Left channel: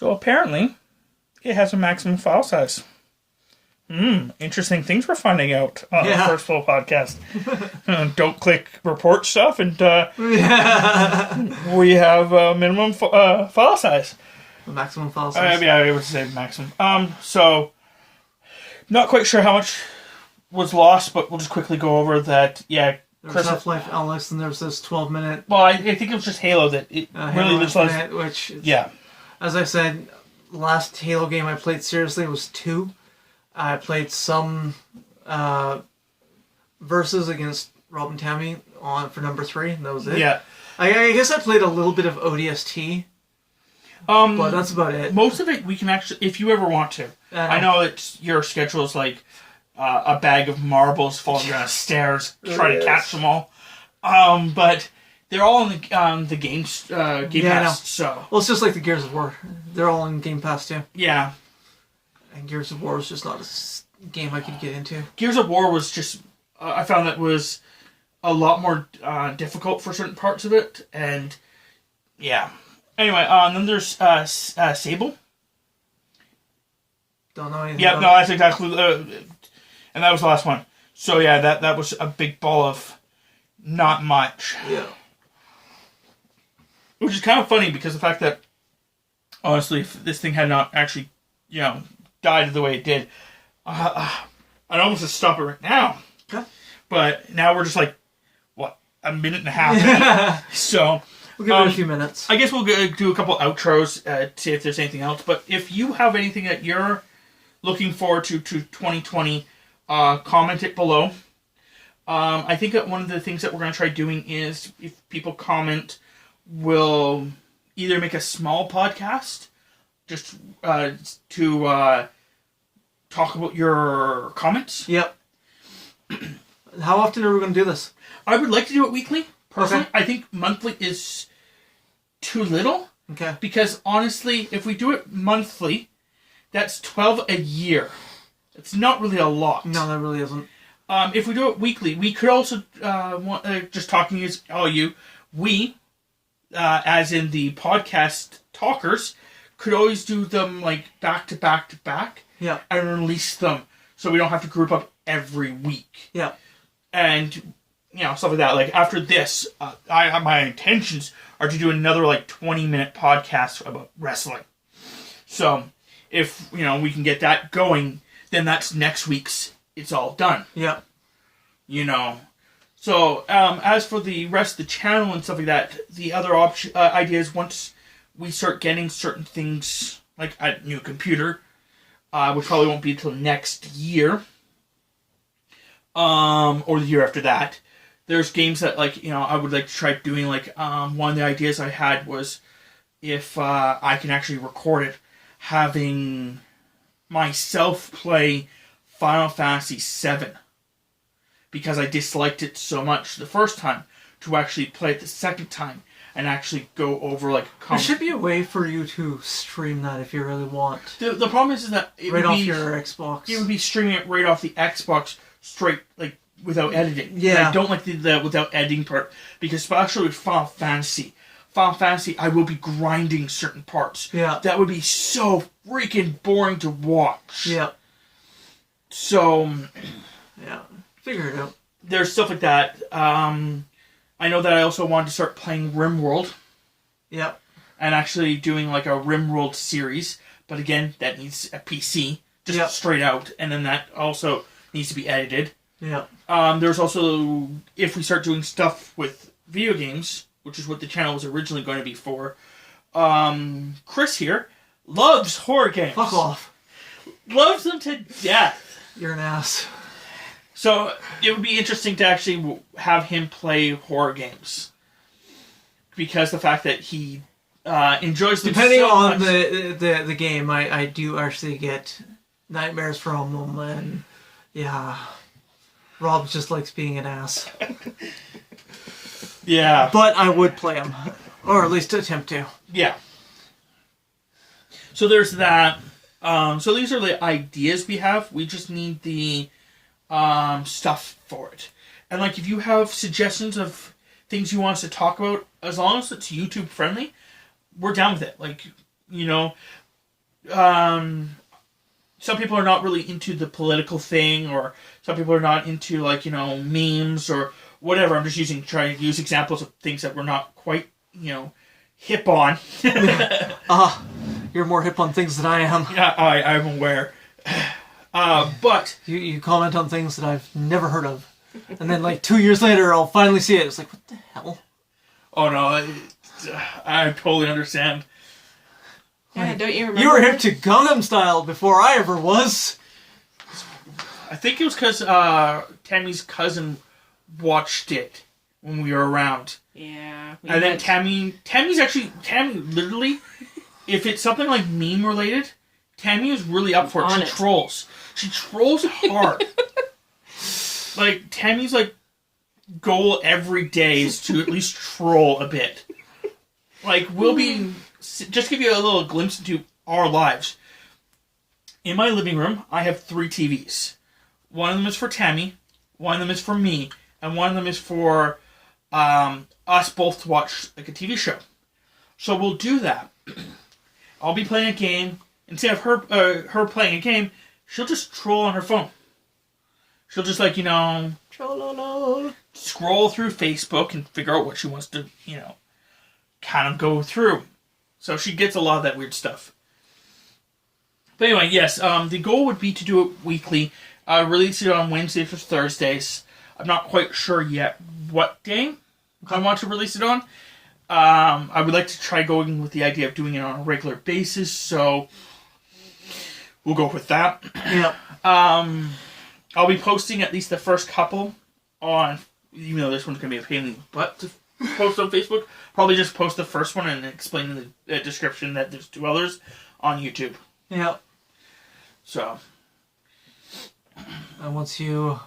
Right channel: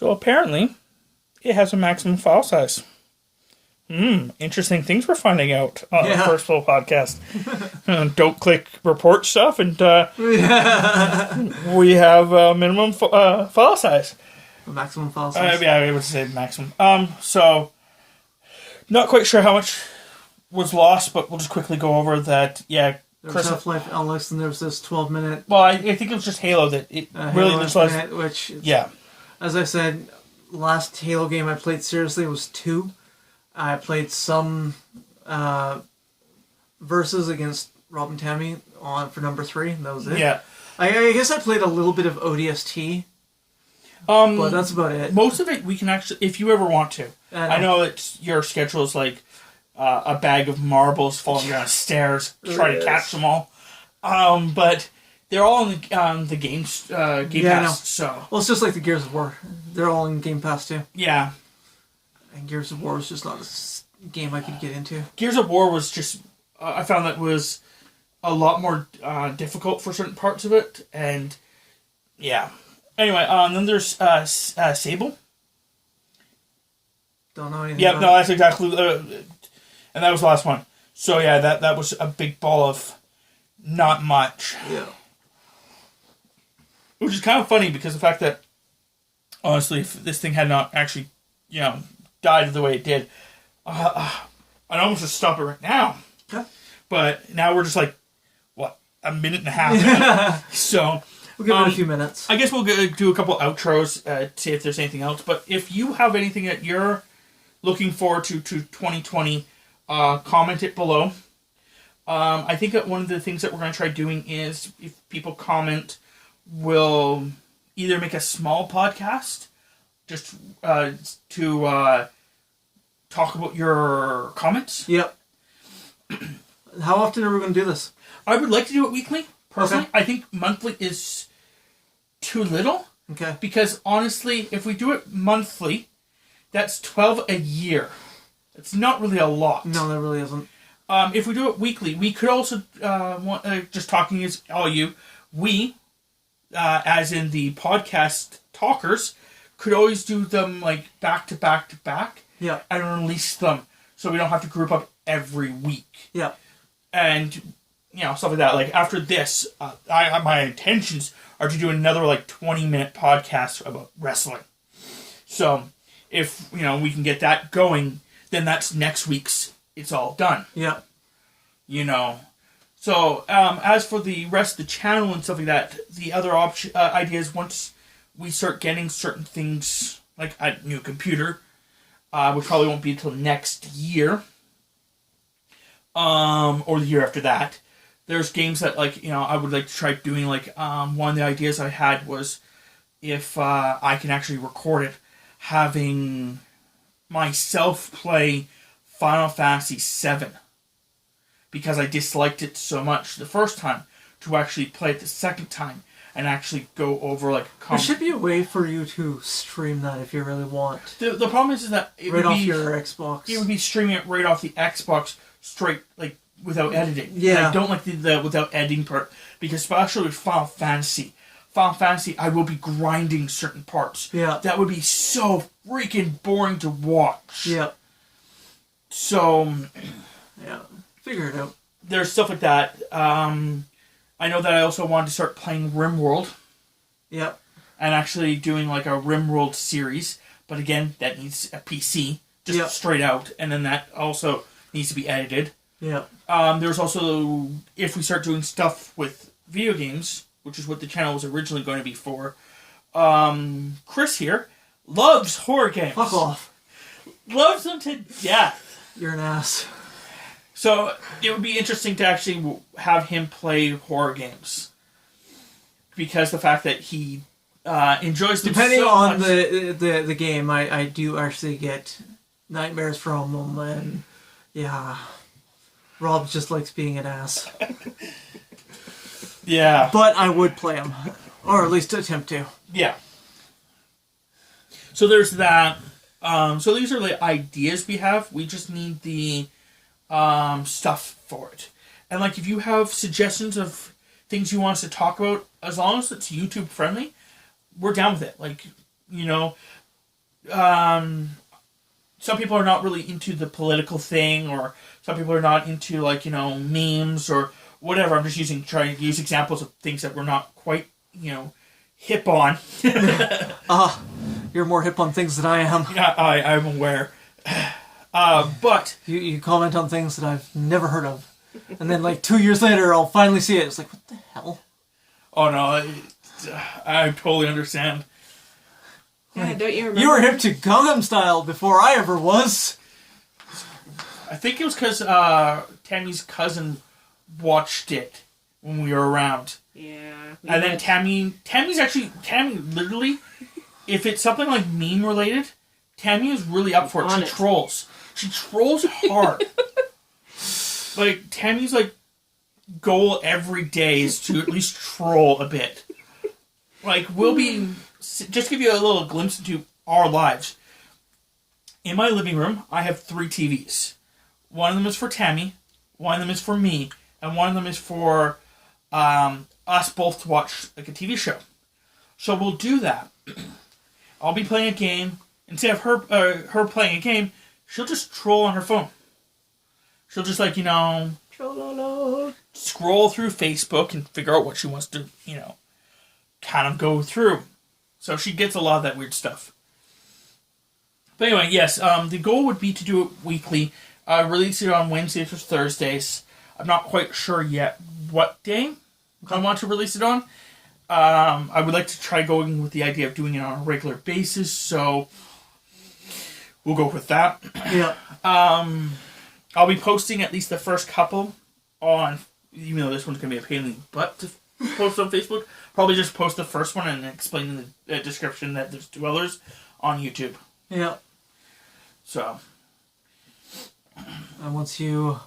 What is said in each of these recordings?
So apparently, it has a maximum file size. Interesting things we're finding out on the First Flow podcast. Don't click report stuff, and we have a minimum file size. Maximum file size. Yeah, I would say maximum. So not quite sure how much was lost, but we'll just quickly go over that. Yeah, there was Half-Life Alyx, and there was this 12-minute. Well, I think it was just Halo that it really was less. Which is, as I said, last Halo game I played seriously was 2. I played some versus against Rob and Tammy for number 3, and that was it. Yeah, I guess I played a little bit of ODST. But that's about it. Most of it we can actually, if you ever want to. I know that your schedule is like a bag of marbles falling down stairs, trying to catch them all. But they're all in the Game Pass. So well, it's just like the Gears of War. They're all in Game Pass too. Yeah. And Gears of War is just not a game I could get into. Gears of War was just, I found that was a lot more difficult for certain parts of it, and yeah. Anyway, then there's Sable. Don't know anything. Yep, no, that's exactly, and that was the last one. So yeah, that was a big ball of not much. Yeah. Which is kind of funny because the fact that, honestly, if this thing had not actually, died the way it did, I'd almost just stop it right now. Okay. But now we're just like, what, a minute and a half in. So we'll give it a few minutes. I guess we'll do a couple outros to see if there's anything else. But if you have anything that you're looking forward to 2020, comment it below. I think that one of the things that we're going to try doing is, if people comment, we'll either make a small podcast just to talk about your comments. Yep. How often are we going to do this? I would like to do it weekly, personally. Okay. I think monthly is too little. Okay. Because, honestly, if we do it monthly, that's 12 a year. It's not really a lot. No, that really isn't. If we do it weekly, we could also, just talking as all you, we, as in the podcast talkers, could always do them like back to back to back. Yeah. And release them so we don't have to group up every week. Yeah. And, stuff like that. Like, after this, my intentions are to do another, 20-minute podcast about wrestling. So, if, we can get that going, then that's next week's It's All Done. Yeah. So, as for the rest of the channel and stuff like that, the other ideas, once we start getting certain things, like a new computer, which probably won't be until next year, or the year after that, there's games that, I would like to try doing, one of the ideas I had was, if I can actually record it, having myself play Final Fantasy VII. Because I disliked it so much the first time, to actually play it the second time and actually go over There should be a way for you to stream that if you really want. The problem is that it right would off be, your Xbox. It would be streaming it right off the Xbox straight, without editing. Yeah. I don't like the without editing part, because especially with Final Fantasy, I will be grinding certain parts. Yeah. That would be so freaking boring to watch. Yeah. So, yeah. Figure it out. There's stuff like that. I know that I also wanted to start playing RimWorld. Yep. And actually doing a RimWorld series. But again, that needs a PC. Just straight out. And then that also needs to be edited. Yeah. There's also, if we start doing stuff with video games, which is what the channel was originally going to be for, Chris here loves horror games. Fuck off. Loves them to death. You're an ass. So, it would be interesting to actually have him play horror games. Because the fact that he enjoys them Depending so on much. the game, I do actually get nightmares from them, and yeah, Rob just likes being an ass. Yeah. But I would play them. Or at least attempt to. Yeah. So there's that. So these are the ideas we have. We just need the stuff for it. And if you have suggestions of things you want us to talk about, as long as it's YouTube friendly, we're down with it. some people are not really into the political thing, or some people are not into, like, memes or whatever. I'm just trying to use examples of things that we're not quite, hip on. You're more hip on things than I am. Yeah, I'm aware. But You comment on things that I've never heard of. And then, like, 2 years later, I'll finally see it. It's like, what the hell? oh no, I totally understand. Yeah, don't you remember? You were hip to Gangnam Style before I ever was. I think it was because Tammy's cousin watched it when we were around. Yeah. And then Tammy literally, if it's something like meme related, Tammy is really up for it. She trolls. She trolls hard. Like, Tammy's, like, goal every day is to at least troll a bit. Like, we'll be... Just give you a little glimpse into our lives. In my living room, I have 3 TVs. One of them is for Tammy, one of them is for me, and one of them is for us both to watch, like, a TV show. So we'll do that. I'll be playing a game. Instead of her playing a game, she'll just troll on her phone. She'll just, like, scroll through Facebook and figure out what she wants to, kind of go through. So she gets a lot of that weird stuff. But anyway, yes, the goal would be to do it weekly. Release it on Wednesdays or Thursdays. I'm not quite sure yet what day I want to release it on. I would like to try going with the idea of doing it on a regular basis, so we'll go with that. Yep. I'll be posting at least the first couple on, even though this one's going to be a pain in the butt to post on Facebook, probably just post the first one and explain in the description that there's 2 others on YouTube. Yep. So. And once you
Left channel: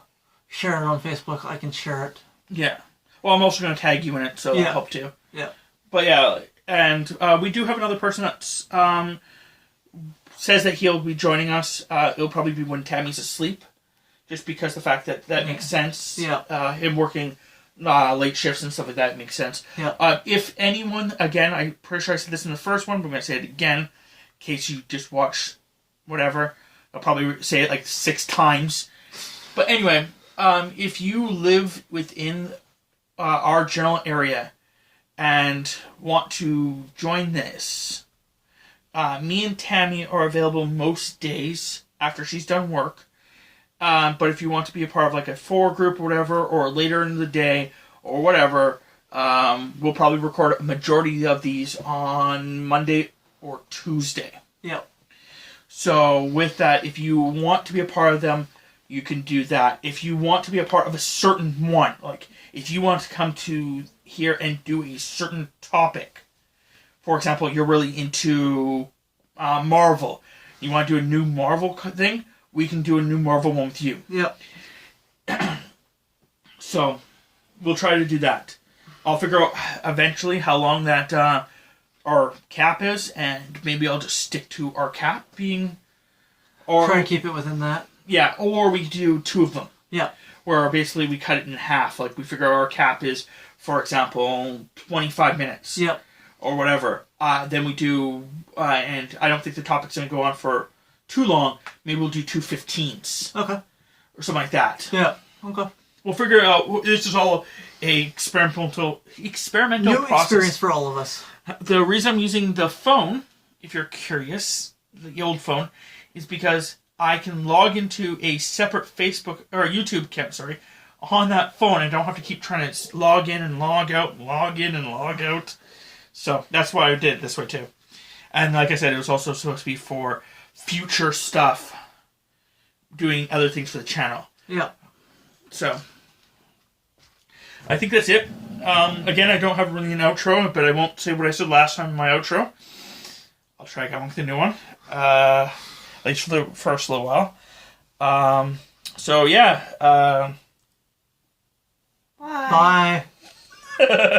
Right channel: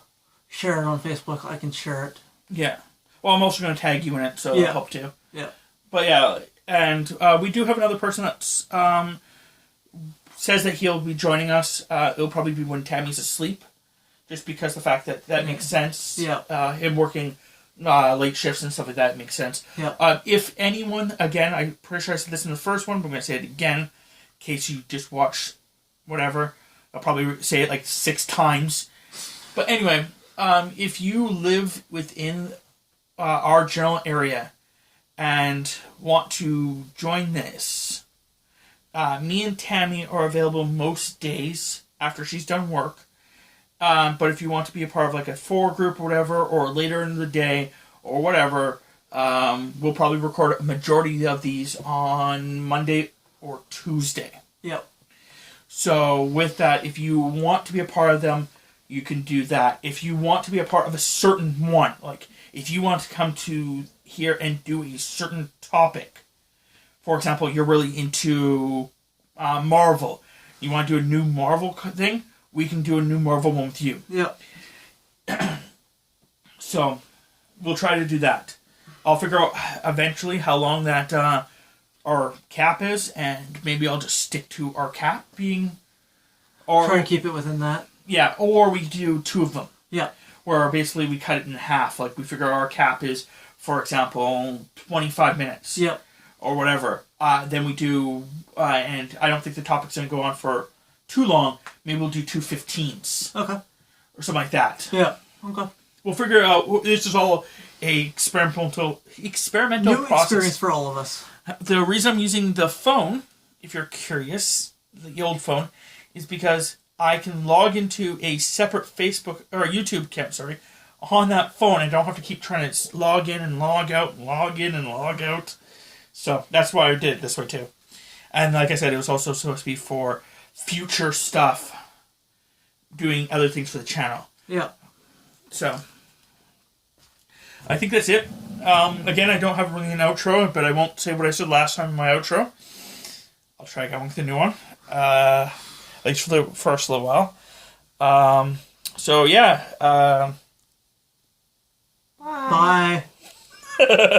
share it on Facebook, I can share it. Yeah. Well, I'm also going to tag you in it, so I'll help too. Yeah. But yeah, and we do have another person that says that he'll be joining us. It'll probably be when Tammy's asleep, just because the fact that makes sense. Yeah. Him working late shifts and stuff like that makes sense. Yeah. If anyone, again, I'm pretty sure I said this in the first one, but I'm going to say it again, in case you just watch whatever. I'll probably say it like 6 times. But anyway, if you live within our general area and want to join this, me and Tammy are available most days after she's done work. But if you want to be a part of like a 4 group or whatever, or later in the day or whatever, we'll probably record a majority of these on Monday or Tuesday. Yep. So with that, if you want to be a part of them, you can do that. If you want to be a part of a certain one, like if you want to come to here and do a certain topic, for example, you're really into Marvel, you want to do a new Marvel thing, we can do a new Marvel one with you. Yep. So we'll try to do that. I'll figure out eventually how long that our cap is, and maybe I'll just stick to our cap being... Or try and keep it within that. Yeah, or we do 2 of them. Yeah. Where basically we cut it in half. Like we figure our cap is, for example, 25 minutes. Yep. Or whatever. Then we do, and I don't think the topic's going to go on for too long. Maybe we'll do 2 15s. Okay. Or something like that. Yeah. Okay. We'll figure out, this is all a experimental New process. experience for all of us. The reason I'm using the phone, if you're curious, the old phone, is because I can log into a separate Facebook or YouTube account, on that phone. I don't have to keep trying to log in and log out, and log in and log out. So that's why I did it this way too. And like I said, it was also supposed to be for future stuff, doing other things for the channel. Yeah. So I think that's it. Again, I don't have really an outro, but I won't say what I said last time in my outro. I'll try going with a new one. At least for the first little while. So yeah. Bye.